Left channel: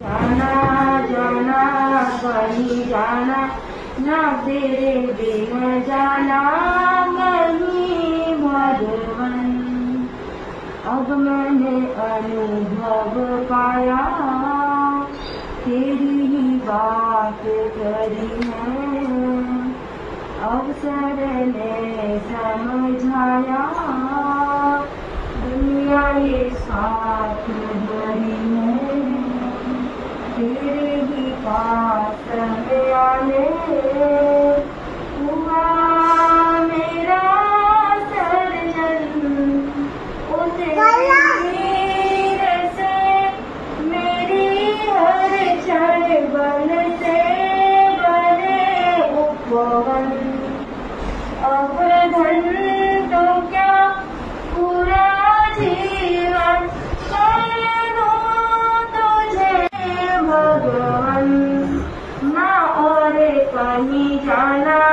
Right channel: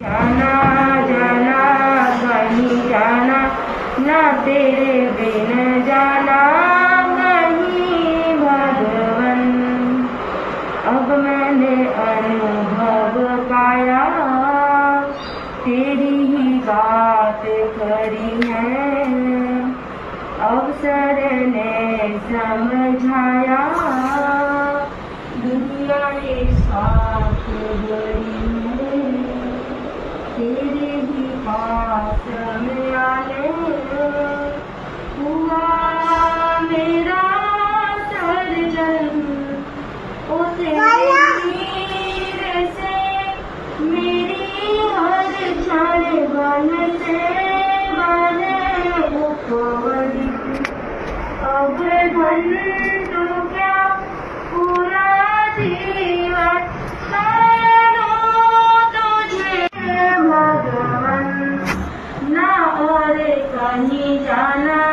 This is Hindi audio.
जाना जाना कहीं जाना ना तेरे बिन जाना कहीं भगवन। अब मैंने अनुभव पाया तेरी ही बात करी है। अवसर ने समझाया दुनिया ये साथ बड़ी है। तेरे ही पास में आने हुआ मेरा सर्जन। उसे से मेरी हर क्षण बन से बने उपवन। अब धन तो क्या पूरा जीवन करो तुझे भगवन। ना और कहीं जाना